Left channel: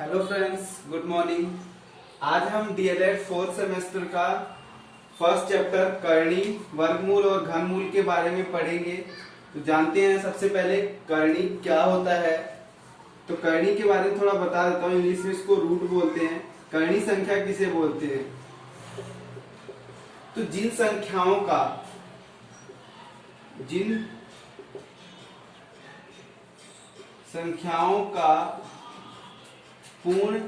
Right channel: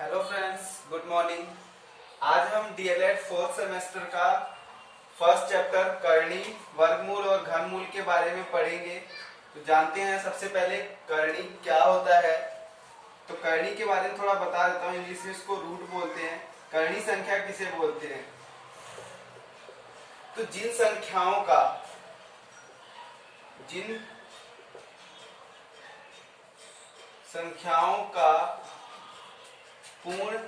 Hello friends, good morning. आज हम DElEd fourth semester का फर्स्ट चैप्टर करनी, वर्गमूल और घनमूल के बारे में पढ़ेंगे। तो जानते हैं सबसे पहले करनी क्या होता है। तो करनी के बारे में थोड़ा बता देता हूँ। इंग्लिश में इसको रूट बोलते हैं। करनी संख्या किसे बोलते हैं? तो जिन संख्याओं का पूर्ण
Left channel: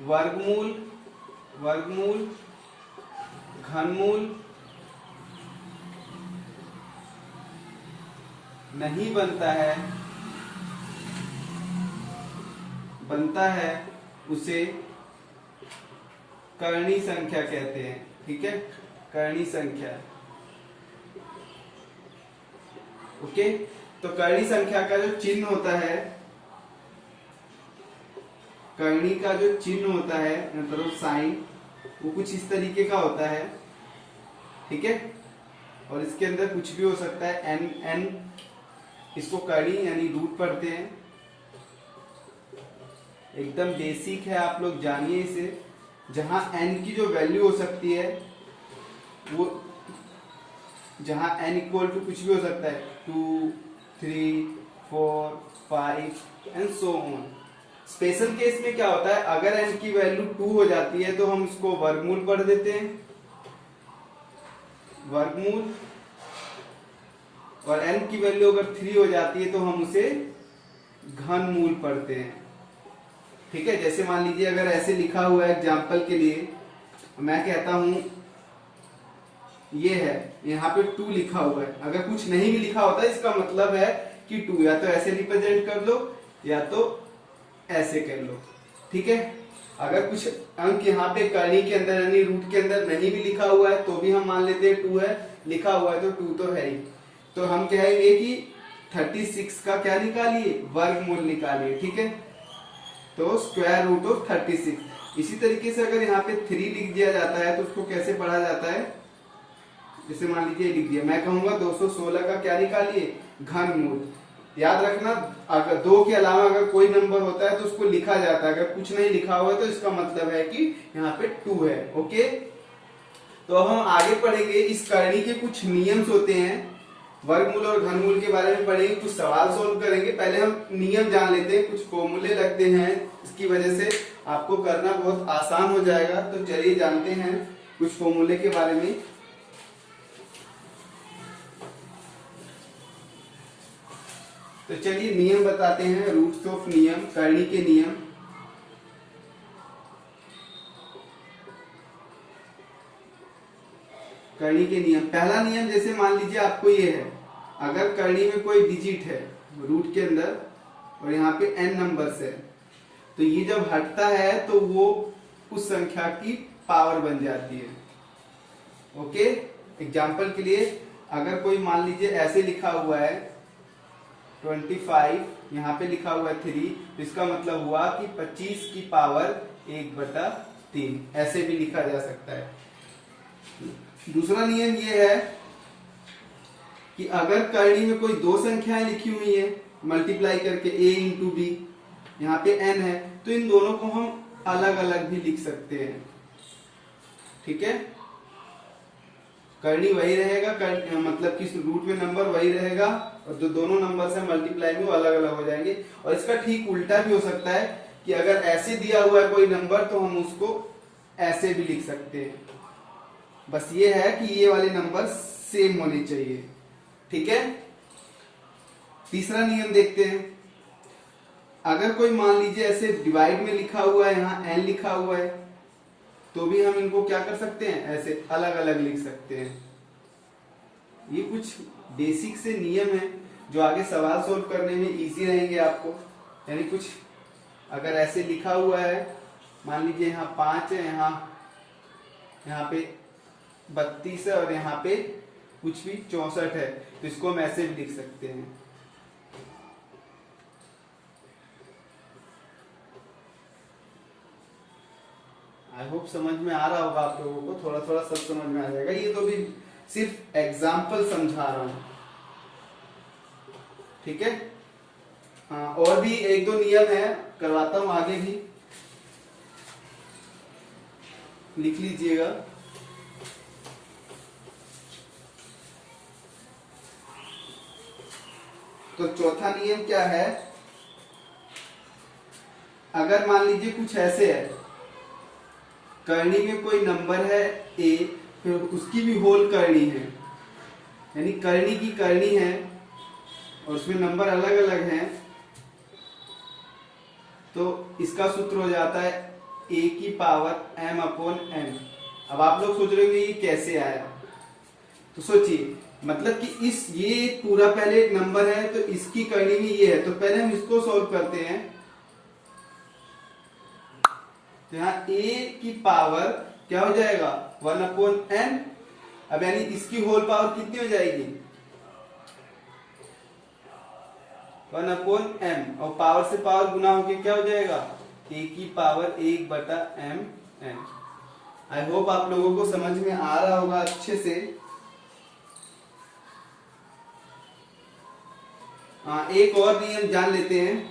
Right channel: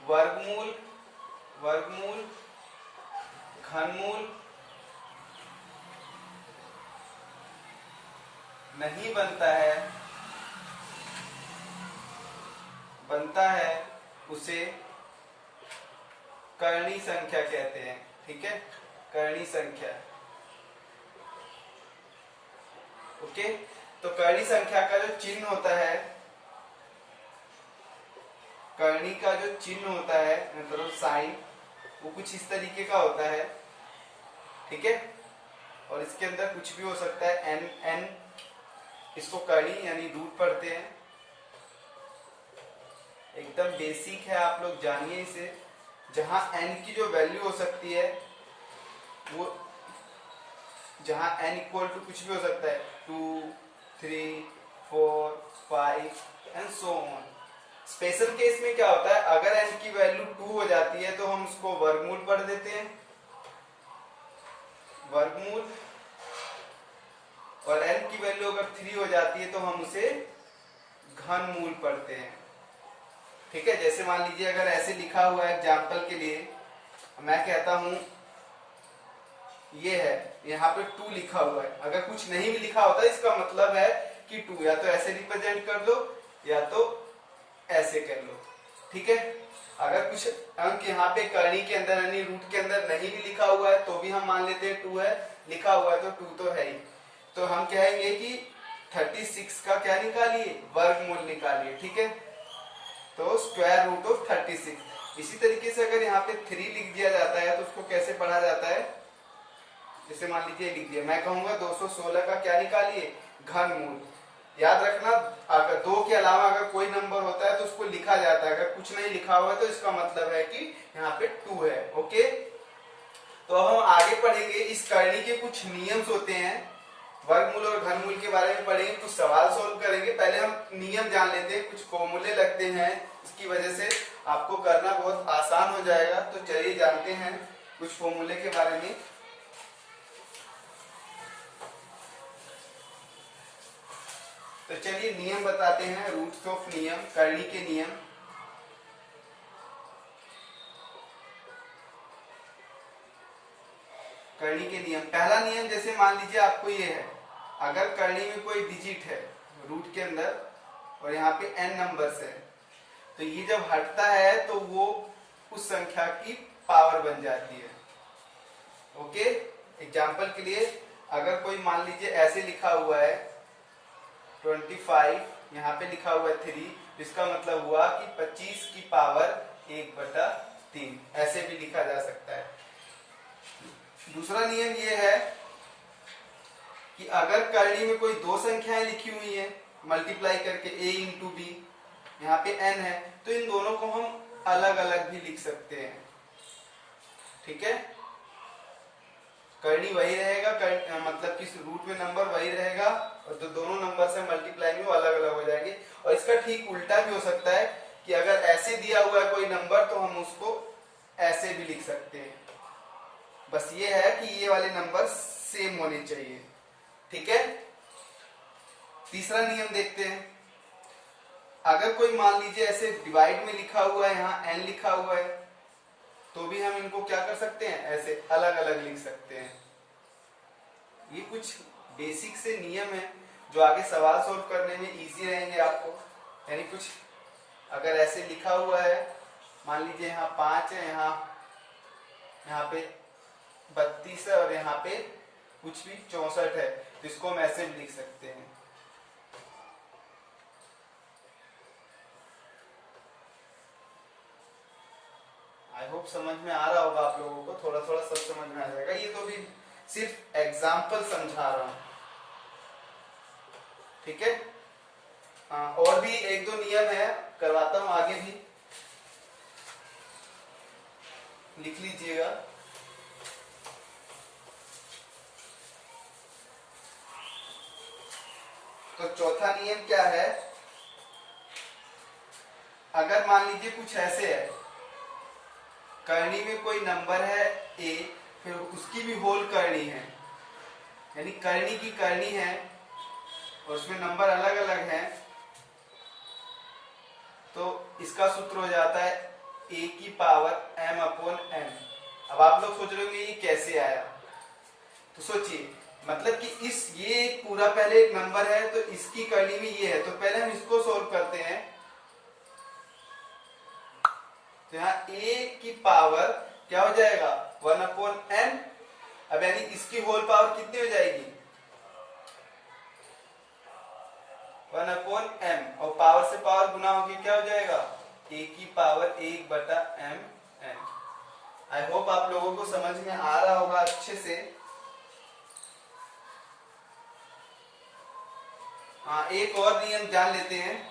वर्गमूल घनमूल नहीं बनता है उसे करनी संख्या कहते हैं। ठीक है, करनी संख्या। ओके, तो करनी संख्या का जो चिन्ह होता है, करनी का जो चिन्ह होता है मतलब साइन, वो कुछ इस तरीके का होता है। ठीक है, और इसके अंदर कुछ भी हो सकता है। एन इसको करनी यानी रूट पढ़ते हैं। एकदम बेसिक है, आप लोग जानिए इसे। जहां एन की जो वैल्यू हो सकती है वो, जहां एन इक्वल टू कुछ भी हो सकता है, 2, 3, 4, 5 and so on. Special case में क्या होता है, अगर एन की वैल्यू 2 हो जाती है तो हम उसको वर्गमूल पढ़ देते हैं, वर्गमूल। और एन की वैल्यू अगर 3 हो जाती है तो हम उसे घनमूल पढ़ते हैं। ठीक है, जैसे मान लीजिए अगर ऐसे लिखा हुआ है, एग्जाम्पल के लिए मैं कहता हूं ये है, यहाँ पे 2 लिखा हुआ है। अगर कुछ नहीं भी लिखा होता इसका मतलब है कि 2 या तो ऐसे रिप्रेजेंट कर दो या तो ऐसे कर लो। ठीक है, अगर कुछ अंक यहाँ पे करनी के अंदर यानी रूट के अंदर नहीं भी लिखा हुआ है तो भी हम मान लेते हैं 2 है, लिखा हुआ है तो 2 तो है ही। तो हम कहेंगे कि 36 का क्या निकालिए, वर्गमूल निकालिए। ठीक है, तो स्क्वायर रूट ऑफ 36। इसी तरीके से अगर यहाँ पे 3 लिख दिया जाता है तो उसको कैसे पढ़ा जाता है, जैसे मान लीजिए लिख दिया, मैं कहूंगा 216 का क्या निकालिए, घनमूल। याद रखना, अगर 2 के अलावा अगर कोई नंबर होता है तो उसको लिखा जाता है। अगर कुछ नहीं लिखा हुआ है तो इसका मतलब है कि यहाँ पे 2 है। ओके, तो हम आगे पढ़ेंगे। इस करनी के कुछ नियम्स होते हैं, वर्गमूल और घनमूल के बारे में पढ़ेंगे, कुछ सवाल सोल्व करेंगे। पहले हम नियम जान लेते हैं। कुछ फॉर्मूले लगते हैं, इसकी वजह से आपको करना बहुत आसान हो जाएगा। तो चलिए जानते हैं कुछ फॉर्मूले के बारे में। तो चलिए नियम बताते हैं, रूट्स ऑफ नियम, करनी के नियम। करनी के नियम, पहला नियम जैसे मान लीजिए आपको ये है, अगर करनी में कोई डिजिट है रूट के अंदर और यहाँ पे n नंबर्स है, तो ये जब हटता है तो वो उस संख्या की पावर बन जाती है। ओके, एग्जाम्पल के लिए अगर कोई मान लीजिए ऐसे लिखा हुआ है 25, यहाँ पे लिखा हुआ है 3, तो इसका मतलब हुआ कि 25 की पावर 1/3, ऐसे भी लिखा जा सकता है। दूसरा नियम ये है कि अगर करनी में कोई 2 संख्याएं लिखी हुई हैं मल्टीप्लाई करके, a इंटू बी, यहाँ पे n है, तो इन दोनों को हम अलग अलग भी लिख सकते हैं। ठीक है, करनी वही रहेगा, मतलब कि रूट में नंबर वही रहेगा और जो दोनों नंबर से मल्टीप्लाई में वो अलग अलग हो जाएंगे। और इसका ठीक उल्टा भी हो सकता है कि अगर ऐसे दिया हुआ है कोई नंबर तो हम उसको ऐसे भी लिख सकते हैं। बस ये है कि ये वाले नंबर सेम होने चाहिए। ठीक है, तीसरा नियम देखते हैं। अगर कोई मान लीजिए ऐसे डिवाइड में लिखा हुआ है, यहाँ n लिखा हुआ है, तो भी हम इनको क्या कर सकते हैं, ऐसे अलग अलग लिख सकते हैं। ये कुछ बेसिक से नियम है जो आगे सवाल सोल्व करने में इजी रहेंगे आपको। यानी कुछ अगर ऐसे लिखा हुआ है, मान लीजिए यहाँ 5 है, यहाँ पे 32 है और यहाँ पे कुछ भी 64 है, तो इसको हम ऐसे भी लिख सकते हैं। आई होप समझ में आ रहा होगा आप लोगों को, थोड़ा थोड़ा सब समझ में आ जाएगा। ये तो भी सिर्फ एग्जाम्पल समझा रहा हूं। ठीक है, हाँ, और भी एक दो नियम है, करवाता हूं आगे भी, लिख लीजिएगा। तो चौथा नियम क्या है, अगर मान लीजिए कुछ ऐसे है, करनी में कोई नंबर है ए, फिर उसकी भी होल करनी है, यानी करनी की करनी है और उसमें नंबर अलग अलग हैं, तो इसका सूत्र हो जाता है ए की पावर m अपॉन n। अब आप लोग सोच रहे होंगे ये कैसे आया, तो सोचिए, मतलब कि ये पूरा पहले एक नंबर है, तो इसकी करनी में ये है, तो पहले हम इसको सॉल्व करते हैं। तो यहाँ a की पावर क्या हो जाएगा 1 अपॉन n। अब यानी इसकी होल पावर कितनी हो जाएगी 1 अपॉन m, और पावर से पावर गुना होके क्या हो जाएगा a की पावर 1 बटा m n। आई होप आप लोगों को समझ में आ रहा होगा अच्छे से। हाँ, एक और नियम जान लेते हैं।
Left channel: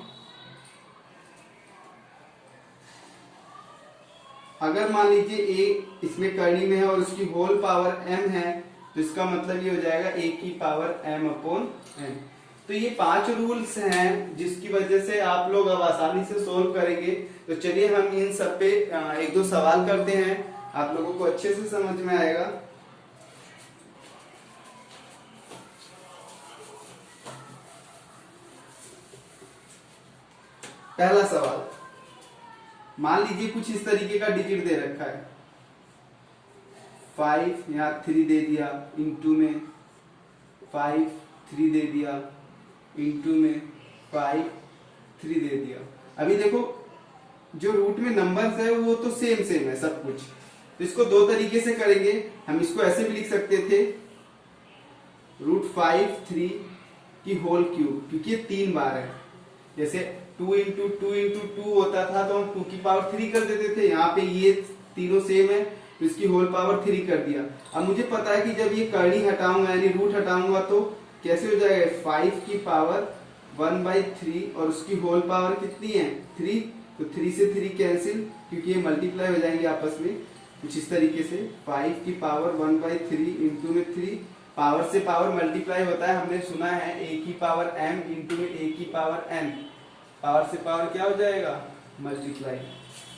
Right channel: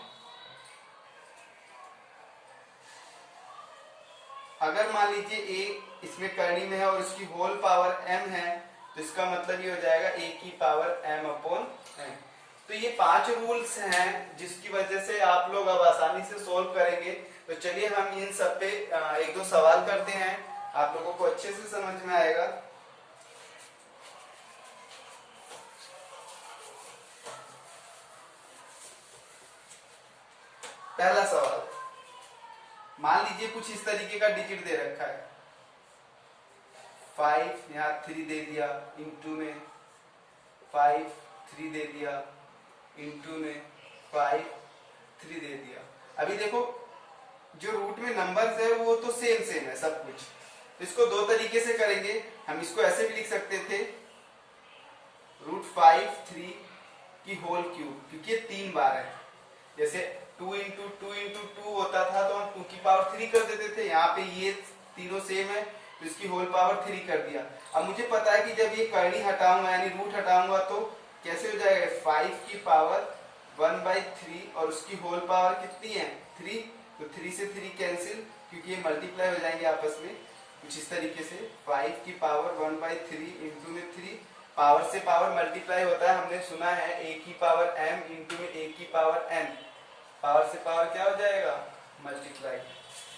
अगर मान लीजिए a इसमें करनी में है और उसकी होल पावर m है, तो इसका मतलब ये हो जाएगा a की पावर m अपॉन n। तो ये 5 रूल्स हैं जिसकी वजह से आप लोग अब आसानी से सोल्व करेंगे। तो चलिए हम इन सब पे एक दो सवाल करते हैं, आप लोगों को अच्छे से समझ में आएगा। पहला सवाल, मान लीजिए कुछ इस तरीके का डिजिट दे रखा है, 5 यहाँ 3 दे दिया, इंटू में 5 3 दे दिया, इंटू में 5 3 दे दिया। अभी देखो जो रूट में नंबर्स है वो तो सेम सेम है सब कुछ, तो इसको दो तरीके से करेंगे। हम इसको ऐसे भी लिख सकते थे √5 3 की होल क्यूब, क्योंकि ये 3 बार है। जैसे 2 इंटू 2 इंटू 2 होता था तो हम 2 की पावर 3 कर देते थे, यहाँ पे ये तीनों सेम है तो इसकी होल पावर 3 कर दिया। अब मुझे पता है कि जब ये करनी हटाऊंगा यानी रूट हटाऊंगा तो कैसे हो जाएगा 5 की पावर 1/3 और उसकी होल पावर कितनी है 3, तो 3 से 3 कैंसिल, क्योंकि ये मल्टीप्लाई हो जाएंगे आपस में कुछ इस तरीके से। 5 की पावर 1/3 इंटू में 3, पावर से पावर मल्टीप्लाई होता है, हमने सुना है a की पावर m इंटू में a की पावर n, पावर से पावर क्या हो जाएगा मल्टीप्लाई।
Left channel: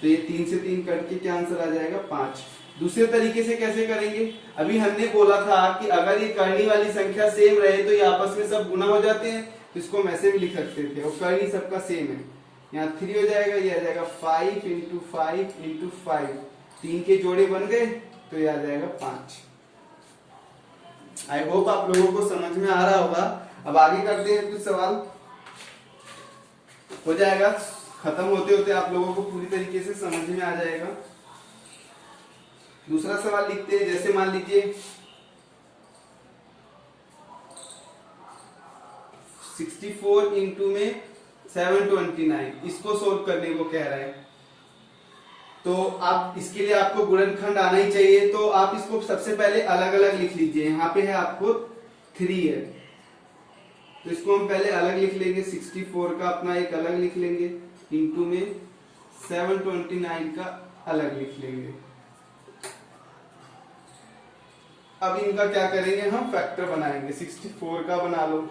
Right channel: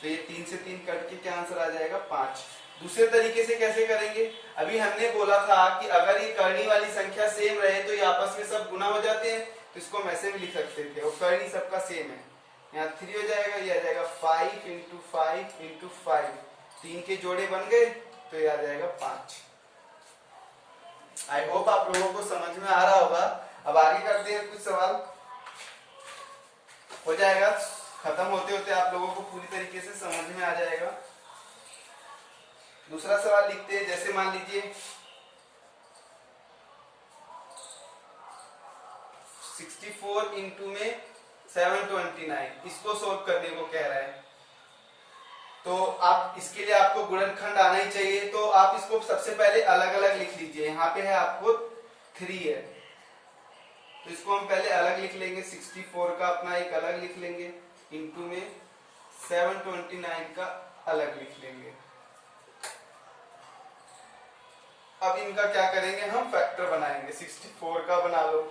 तो ये 3 से 3 कट के क्या आंसर आ जाएगा 5। दूसरे तरीके से कैसे करेंगे, अभी हमने बोला था कि अगर ये करनी वाली संख्या सेम रहे तो ये आपस में सब गुना हो जाते हैं, तो इसको हम ऐसे भी लिख सकते थे, और करनी सबका सेम है। यहाँ 3 हो जाएगा, ये आ जाएगा 5 इंटू 5 इंटू 5, 3 के जोड़े बन गए तो ये आ जाएगा 5। आई होप आप लोगों को समझ में आ रहा होगा। अब आगे करते हैं कुछ सवाल, हो जाएगा खत्म होते होते आप लोगों को पूरी तरीके से समझ में आ जाएगा। दूसरा सवाल लिखते हैं, जैसे मान लीजिए 64 इंटू में 729, इसको सोल्व करने को कह रहा है। तो आप इसके लिए आपको गुणनखंड आना ही चाहिए, तो आप इसको सबसे पहले अलग अलग लिख लीजिए। यहाँ पे है आपको 3 है, तो इसको हम पहले अलग लिख लेंगे, 64 का अपना एक अलग लिख लेंगे, इंटू में 729 का अलग लिख लेंगे। अब इनका क्या करेंगे, हम फैक्टर बनाएंगे। 64 का बना लो,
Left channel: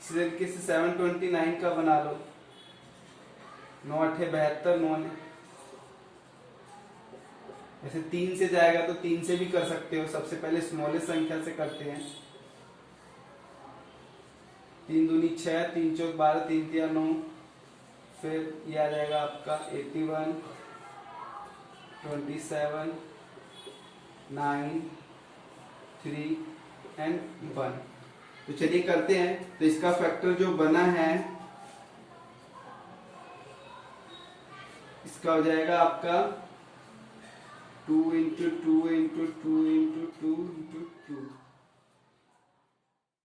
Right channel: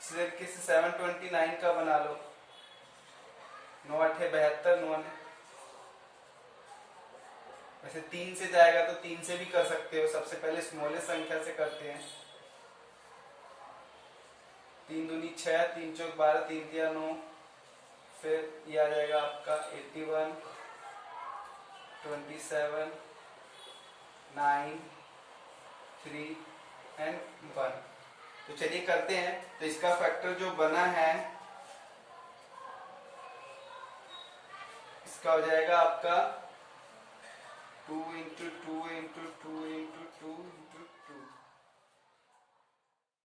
इसी तरीके से 729 का बना लो, 9 8 72, 9 वैसे 3 से जाएगा तो 3 से भी कर सकते हो, सबसे पहले स्मॉलेस्ट संख्या से करते हैं। 3 दूनी 6, 3 चौक 12, 3 तिया 9, फिर ये आ जाएगा आपका 81, 27, 9, 3 एंड 1। तो चलिए करते हैं। तो इसका फैक्टर जो बना है इसका हो जाएगा आपका 2 इंटू 2 इंटू 2 इंटू 2 इंटू 2।